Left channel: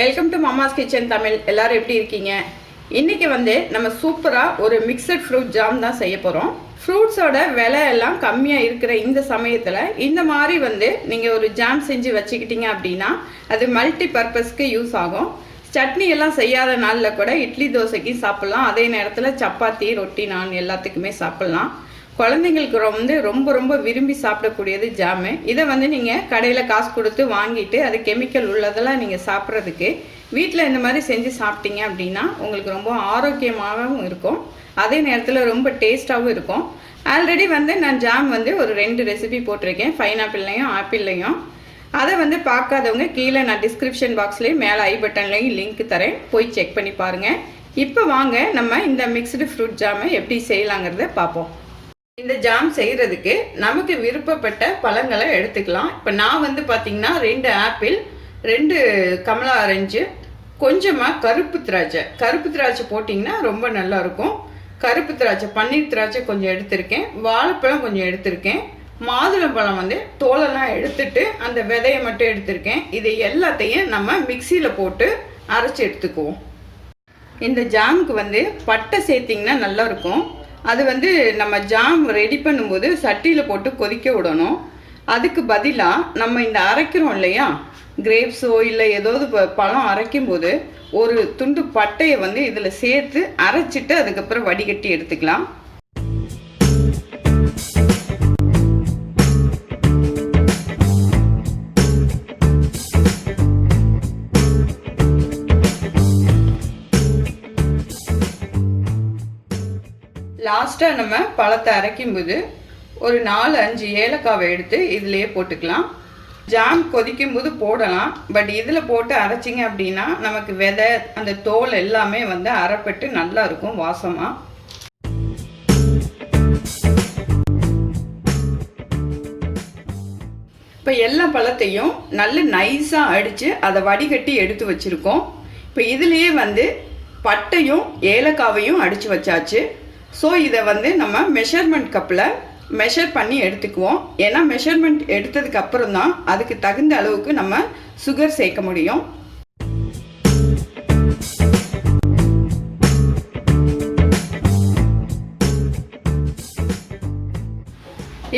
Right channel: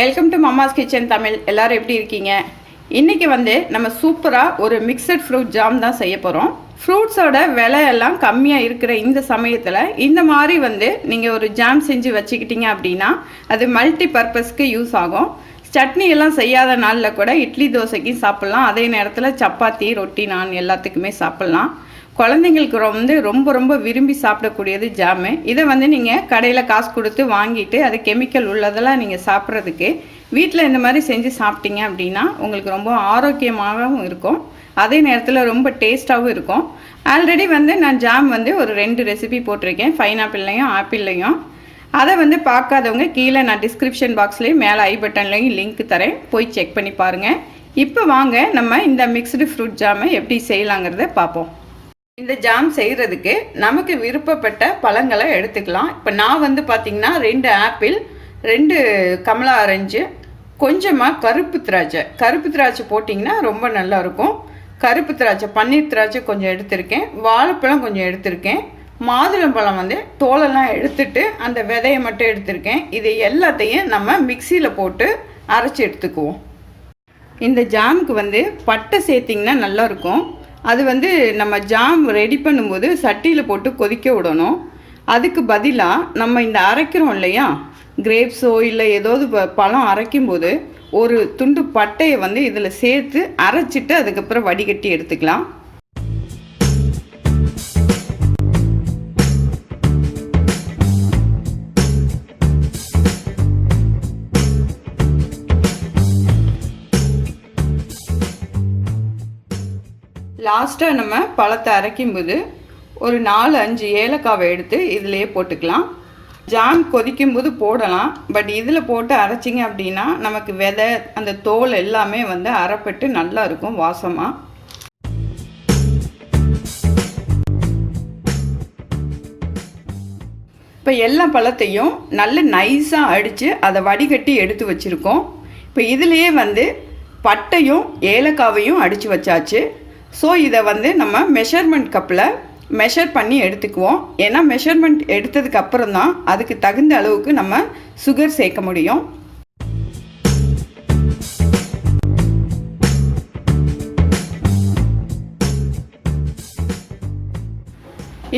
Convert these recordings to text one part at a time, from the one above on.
Welcome to Mamma's kitchen Tamil. எல்லாரும் எப்படி இருக்கீங்க? இன்னைக்கு நம்ம சூப்பராக ஒரு மிக்சட் ஃப்ரூட் ஜாம் தான் செய்ய போகிறோம். ஃப்ரூட்ஸோட விலையெல்லாம் கம்மியாக இருக்கிற இந்த சமயத்தில் இந்த மாதிரி நீங்கள் ஒரு ஜாம் செஞ்சு வச்சுக்கிட்டீங்க அப்படின்னா அது மல்டி பர்பஸ்க்கு யூஸ் ஆகும். சட்னி எல்லாம் செய்யாத நாளில் கூட இட்லி தோசைக்கு சாப்பிட்லாம். அதே நேரத்தில் சப்பாத்தி ரொட்டி நான் எல்லாத்துக்குமே சாப்பிட்லாம். குழந்தைங்களுக்கு ரொம்ப ரொம்ப விரும்பி சாப்பிடக்கூடியது ஜாமு. இதை நீங்கள் கடையில் காசு கொடுத்து வாங்கிட்டு அது கெமிக்கல் உள்ளதெல்லாம் நீங்கள் சாப்பிட்றதுக்கு வீட்டில் இந்த மாதிரி செஞ்சு சாப்பிட்டீங்க அப்படின்னா உங்களுக்கு ரொம்ப ஆரோக்கியமாகவும் இருக்கும். அதே நேரத்தில் ரொம்ப டேஸ்ட்டாகவும் இருக்கும். ஆல்ரெடி நான் ஜாம் ஒரு 2 ரெசிபி போட்டிருக்கேன், பைனாப்பிள்லையும் ஆப்பிள்லையும். அதை பார்க்காதவங்க கீழே நான் டிஸ்கிரிப்ஷன் பாக்ஸ்லேயும் மேலே ஐ பட்டன்லையும் லிங்க் தரேன், போய் செக் பண்ணி பாருங்கள். இப்போ வாங்க நம்ம இந்த மிக்ஸ்டு ஃப்ரூட் ஜாமை எப்படி செய்யலாங்கிறத பார்ப்போம். இந்த ஜாம் செய்கிறதுக்கு நமக்கு விருப்பப்பட்ட பழங்களை எடுத்துக்கலாம். இப்போ நான் பார்த்தீங்கன்னா 2 ஆப்பிள், 2 கமலா ஆரஞ்சு, கொஞ்சமாக கருப்பு திராட்சை போட்டிங்கன்னா ரொம்ப நல்லாயிருக்கும். கருப்பு திராட்சை, பன்னீர் திராட்சை கொஞ்சம் எடுத்திருக்கேன், வாழைப்பழம் கொஞ்சம் எடுத்திருக்கேன், மாதுளம்பழம் தோலெல்லாம் எடுத்துட்டு அந்த விதையை மட்டும் எடுத்திருக்கேன். இது எல்லாத்தையும் நம்ம மிக்சியில் போட்டு அரைச்சி எடுத்துக்குவோம். இந்த ஜாமுக்கு பட்டை சேர்த்திங்கன்னா நல்லாயிருக்கும். அது நம்ம ஜாம் ரெடி பண்ணும்போது சட்டியில் போட்டு கொதிக்க விடணும். அதுக்கு பதிலாக நம்ம இந்த அரைக்கிறோம் இல்லையா, கிரேப்ஸோ இல்லை ஏதாவது பழம் அரைக்கும்போது ஒரு துண்டு பட்டையை இதில் சேர்த்து அரைச்சிட்டு அதுக்கப்புறம் வடிகட்டி எடுத்துக்கலாம். லாஸ்ட்டாக நம்ம பழத்தை அரைக்கும்போது ஒரு 4-5 ஏலக்காவை எடுத்து இதிலையே போட்டுக்கலாம். ஜாம் கொதிக்கும்போது போடலாம், பட் இதில் போட்டு அரைச்சிங்க அப்படின்னா நமக்கு விதை அந்த தோல் எல்லாமே அரைப்பட்டு நல்லா இருக்கும் வாசமாக. இப்போ எல்லா பழத்தையும் நல்ல நைஸாக அடித்து அதை வடிகட்டி எடுத்து வச்சுருக்கோம். இப்போ இதுலேயே பட்டையும் ஏலக்காவையும் அடித்து வச்சாச்சு. ஸோ இதை நம்ம மெஷர்மெண்ட் கப்பில் மெஷர் பண்ணி எடுத்துக்குவோம். ஏன்னா மெஷர்மெண்ட் எடுத்ததுக்கு அப்புறம் தான் அதுக்கு தகுந்த அளவுக்கு நம்ம சுகர் சேர்க்க முடியும்.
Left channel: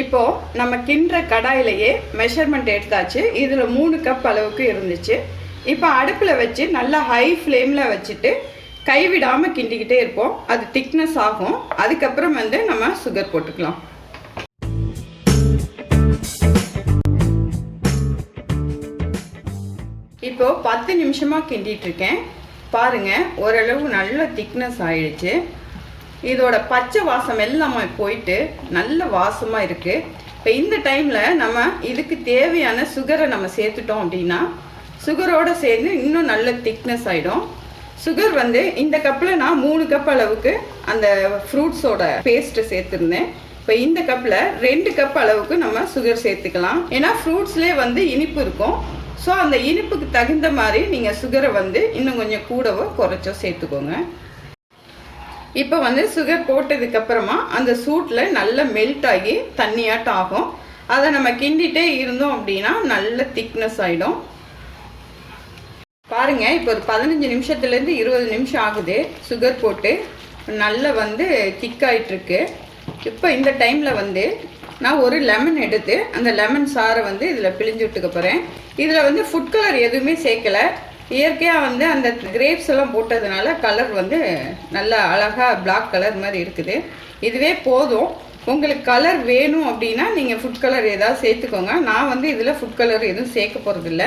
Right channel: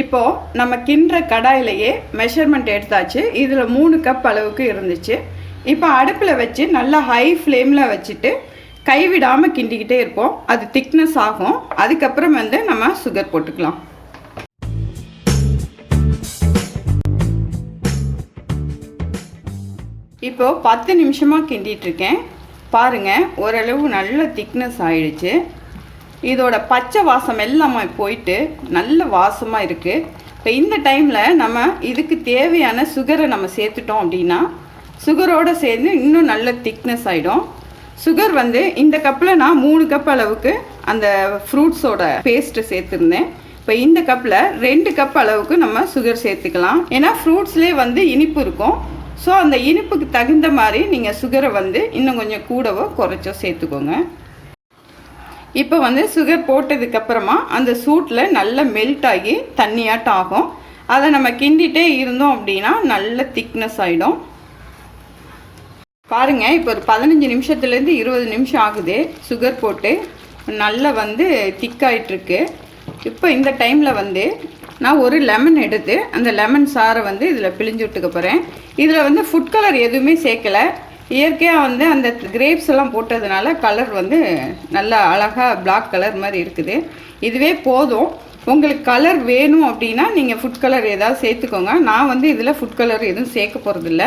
இப்போது நம்ம கிண்டுற கடாயிலேயே மெஷர்மெண்ட் எடுத்தாச்சு. இதில் 3 கப் அளவுக்கு இருந்துச்சு. இப்போ அடுப்பில் வச்சு நல்லா ஹை ஃப்ளேமில் வச்சுட்டு கைவிடாமல் கிண்டிக்கிட்டே இருப்போம். அது திக்னஸ் ஆகும். அதுக்கப்புறம் நம்ம சுகர் போட்டுக்கலாம். இப்போது 10 நிமிஷமாக கிண்டிட்டு இருக்கேன். பாருங்கள், ஓரளவு நல்ல திக்னஸ் ஆயிடுச்சு. இதோட பச்சை வாசம் எல்லாமே போயிட்டு நல்ல வாசமாக இருக்குது. இப்போ இந்த டைமில் நம்ம இதுக்கு தேவையான சுகரை நம்ம சேர்த்துட்டோம் அப்படின்னா சுகரோடு சேர்ந்து இன்னும் நல்ல திக்னஸ் ஆகிடும். சுகர் இந்த கப்பில் நான் 3 கப் அளவுக்கு அந்த ஃப்ரூட்ஸோட பேஸ்ட்டு சேர்த்துருந்தேன். இப்போ இந்த கப்பில் 2 கப் அளவுக்கு நம்ம சுகர் சேர்த்துக்கலாம். ஏன்னா ஃப்ரூட்ஸ்லேயே இனிப்பு இருக்கும். ஸோ அந்த இனிப்புக்கு தகுந்த மாதிரி நீங்கள் சுகரை இன்னும் கொஞ்சம் கூடவோ குறைச்சோ சேர்த்துக்கோங்க. இப்போ சுகர் போட்டதுக்கப்புறமா அந்த சூட்டில் நல்லா மெல்ட் ஆகி தண்ணியாட்டம் ஆகும். அதை நம்ம கிண்டிகிட்டே இருந்தோம் அப்படின்னா நல்ல திக்னஸ் ஆகிடும். பாருங்கள், இப்போ ஒரு 15 நிமிஷத்துலேருந்து 20 நிமிஷம் ஆகுது சுகர் போட்டு நல்லா திக்காயிட்ருக்கு. இப்போ இந்த டைமில் நான் ஒரு லெமன் எடுத்து அந்த லெமன் சாரை இதில் பிழிஞ்சு விட்டுக்க போகிறேன். இதில் ஃபுட் கலர் எதுவுமே சேர்க்கலை. இயற்கையாக அந்த கிரேப்ஸ் எல்லாம் போட்டதுனால கலர் நல்லா அழகாக பிளாக் கலர் மாதிரி இருக்குது. இதுவே போதும். உங்களுக்கு கலர் வேணும் அப்படின்னா நீங்கள் ஃபுட் கலர் ஏதாவது சேர்த்துக்கோங்க. நான் இதில் ஃபுட் கலர் எதுவும் சேர்க்க போகிறதில்ல.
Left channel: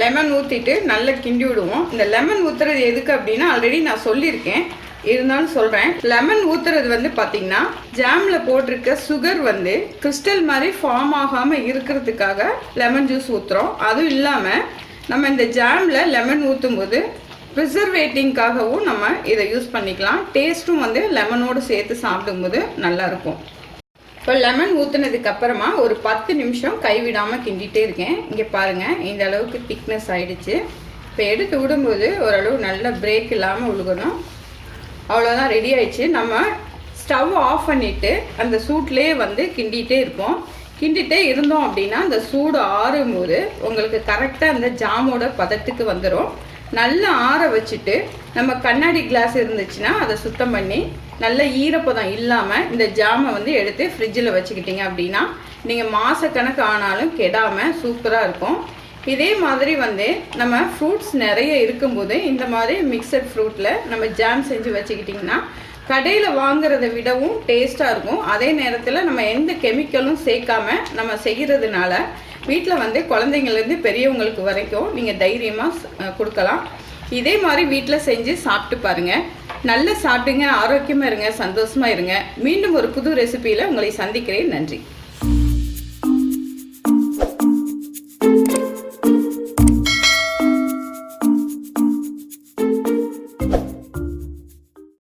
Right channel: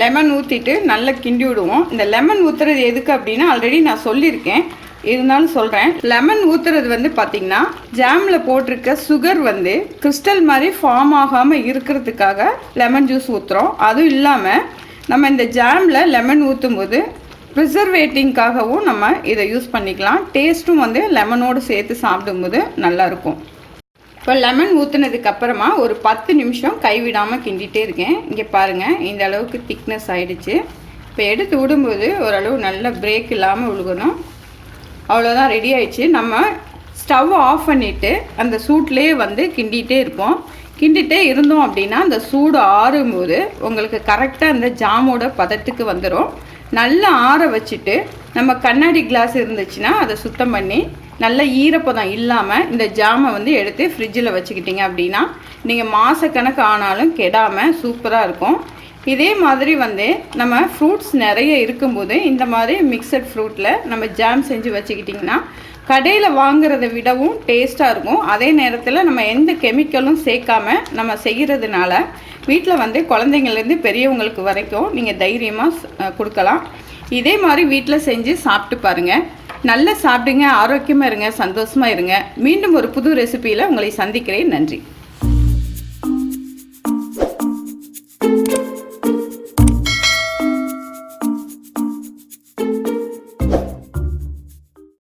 லெமன் ஊற்றிட்டு நல்லா கிண்டி விடுவோம். இந்த லெமன் ஊற்றுறது எதுக்கு அப்படின்னா ஆல்ரெடி நான் சொல்லியிருக்கேன், இருந்தாலும் சொல்கிறேன். லெமன் ஊற்றுறது பார்த்திங்கன்னா ஜாமில் போட்டிருக்க சுகர் கிறிஸ்டல் மாதிரி ஃபார்ம் ஆகாமல் இருக்கிறதுக்காக லெமன் ஜூஸ் ஊற்றுறோம். அதுவும் இல்லாமல் நம்ம இந்த ஜாமில் லெமன் ஊற்றும் போது ப்ரிசர்வேட்டிங்காகவும் நம்ம இதை யூஸ் பண்ணிக்கலாம். டேஸ்ட்டும் லெமனோடு சேர்த்து சாப்பிடும்போது நல்லாயிருக்கும். இப்போ லெமன் ஊற்றுனதுக்கு அப்புறமா ஒரு 10 நிமிஷம் கைவிடாமல் கிண்டிகிட்டே இருக்கேன். இங்கே பாருங்கள், இந்த அளவுக்கு திக்னஸ் ஆகிடுச்சு. இப்போ எடுத்து விடும்போது ஓரளவு நல்ல பிரேக் இல்லாமல் விழுகணும். அவ்வளோதான், ரெடி ஆயிடுச்சு. நம்ம ஸ்டவ் ஆஃப் பண்ணிவிட்டு அந்த சூட்லேயே கிண்டிகிட்டே இருப்போம். கிண்டிகிட்டே இருந்தோம் அப்படின்னா அந்த சூடு ஆறும்போது உங்களுக்கு கரெக்டாக அந்த ஜாமோட பதத்துக்கு வந்துடும். நல்லா ஆற வச்சுட்டு நம்ம கண்ணாடி கிளாஸ் இருந்துச்சுன்னா அதை சுத்தம் பண்ணி நல்ல ஈரப்பதம் இல்லாமல் இந்த ஜாமை வந்து எடுத்து ஃப்ரிட்ஜில் வச்சுக்கிட்டிங்க அப்படின்னா நீங்கள் மாதக்கணக்கு ஆனாலும் கெடாமல் சூப்பராக இருக்கும். இதே மாதிரி வந்து நம்ம ஃப்ரூட்ஸ் நிறைய இருக்கும்போது இந்த மாதிரி மிக்சட் ஃப்ரூட்டில் நம்ம ஜாம் செஞ்சு வச்சுக்கிட்டிங்கன்னா கடையில் வாங்குறதை விடவும் டேஸ்ட்டாக இருக்கும். அதே நேரத்தில் நம்ம எந்த கெமிக்கலும் சேர்க்காம நம்ம செய்கிறதுனால வீட்டில் வந்து குழந்தைங்கள்லேருந்து பெரியவங்களுக்கு வரைக்கும் நீங்கள் தைரியமாக கொடுக்கலாம். இதே மாதிரி வீட்டில் செஞ்சு சாப்பிட்டு பாருங்கள். நல்லா சாப்பிடுங்க, ஆரோக்கியமாக இருங்க, சந்தோஷமாக இருங்க. மீண்டும் ஒரு புது ரெசிபியில் உங்களை சந்திக்கிறேன். நன்றி.